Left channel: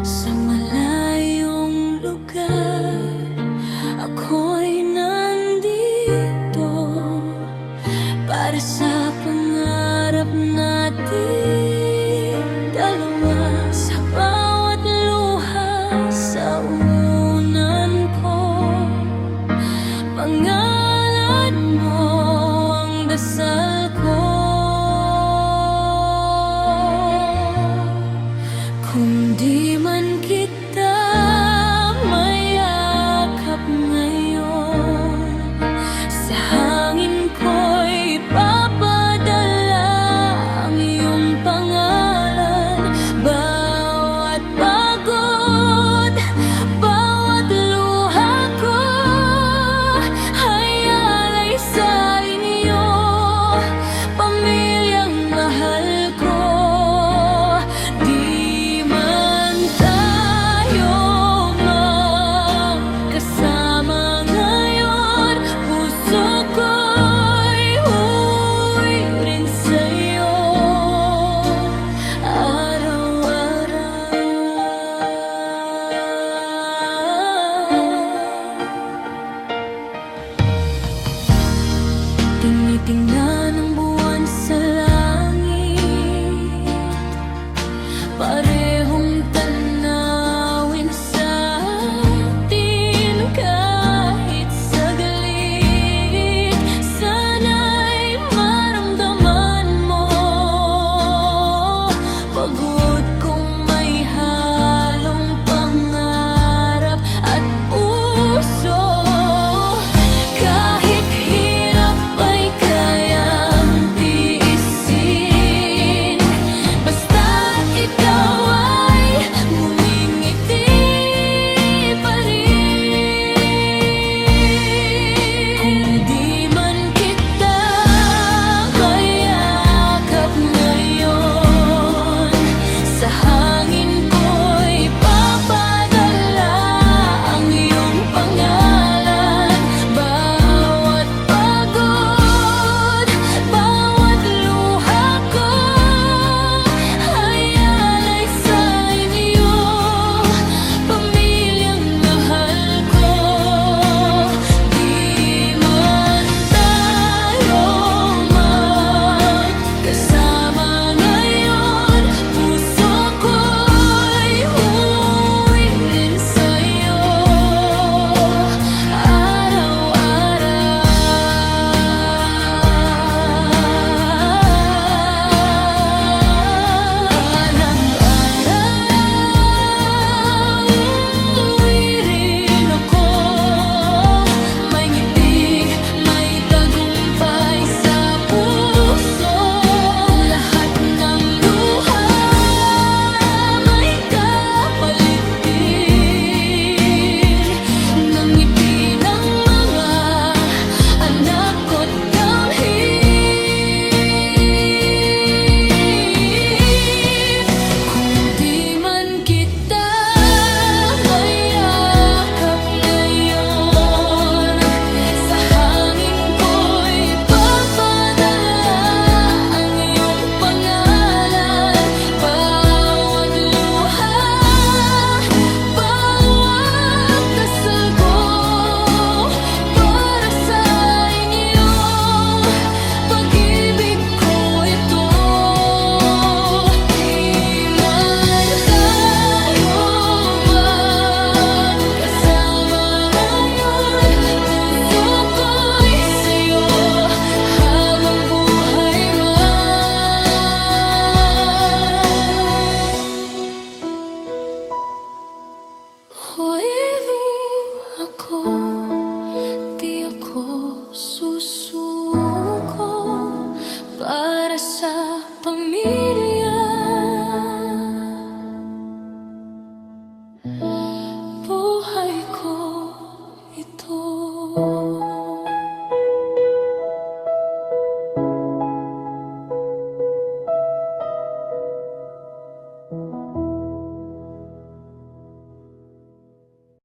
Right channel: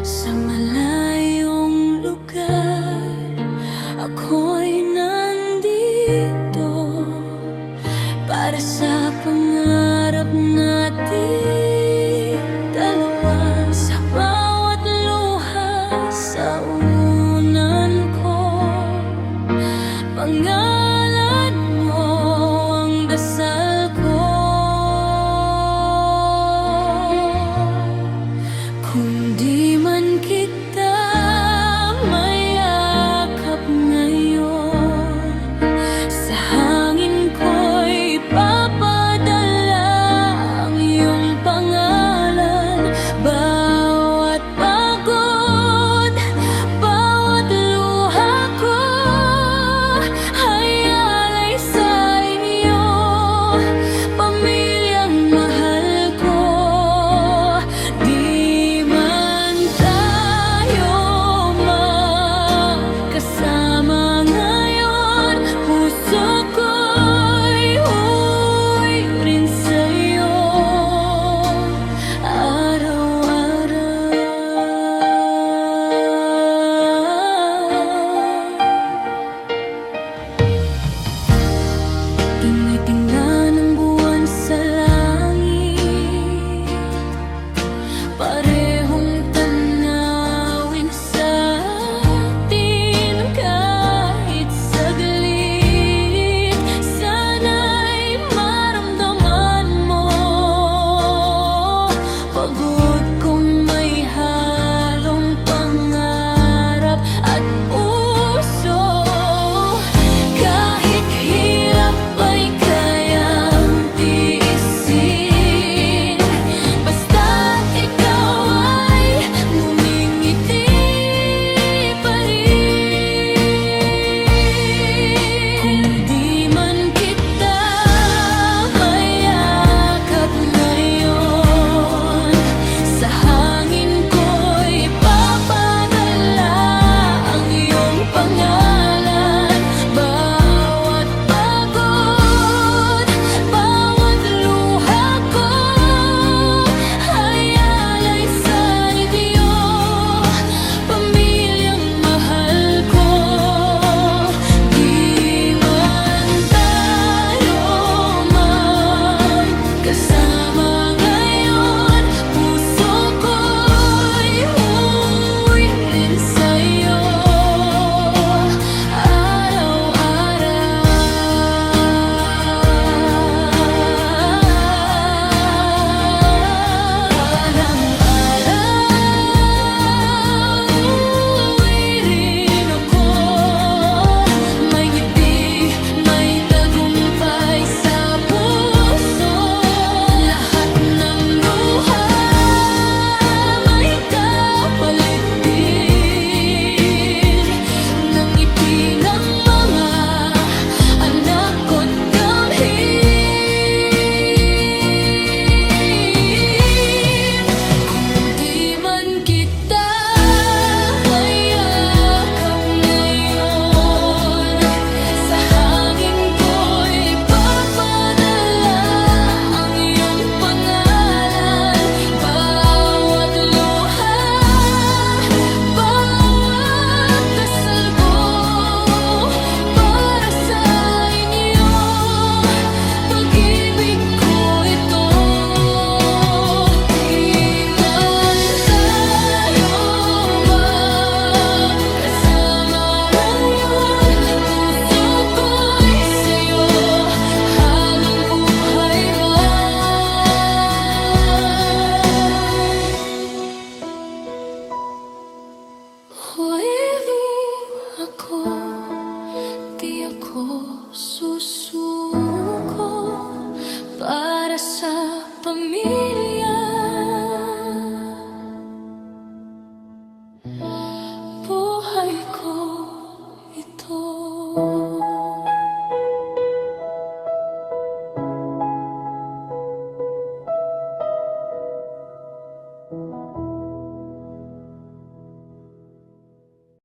Sa malayong lugar, ako'y nandito para sa pangarap natin dalawa. Sa bawat luha sa unan ko, pangalan mo ang dasal ko. Kung di man kita mayakap ngayon, sa hangin ko'y ipapadala ang iyong pangalan. Bawat pagod, bawat luha ko ay alay sa inyo, pamilyang mahal ko. Di man tayo magkasama ngayon, puso ko'y uwi rin sa'yo araw-araw. Tinitingnan ang buwan sa langit, parehong tanawin sa atin kahit saglit. Sana'y maramdaman mo pagod kong may halong pangarap at puso. Kahit hirap ay kayang tiisin, basta't ikaw ay ngumingiti pa rin. Kung di man kita mayakap ngayon, sa hangin ko'y papadala ang iyong pangalan. Bawat pagod, bawat luha ko ay alay sa inyo, pamilyang mahal ko. Di man tayo magkasama ngayon, puso ko'y uwi rin sa'yo araw-araw. Balang araw, uwi rin ako. May ngiti, may tagumpay sa puso. Lahat ng luha may kapalit din ng ngiti ng mga anak ko't damhin. Kung di man kita mayakap ngayon, sa hangin ko'y papadala ang iyong pangalan. Bawat luha, bawat dasal ko para sa inyo, pag-ibig ko ito. Di man tayo magkasama ngayon, puso ko'y sa'yo habang buhay Huwag ako, di ako susuko para sa pamilya. Buhay ko ito.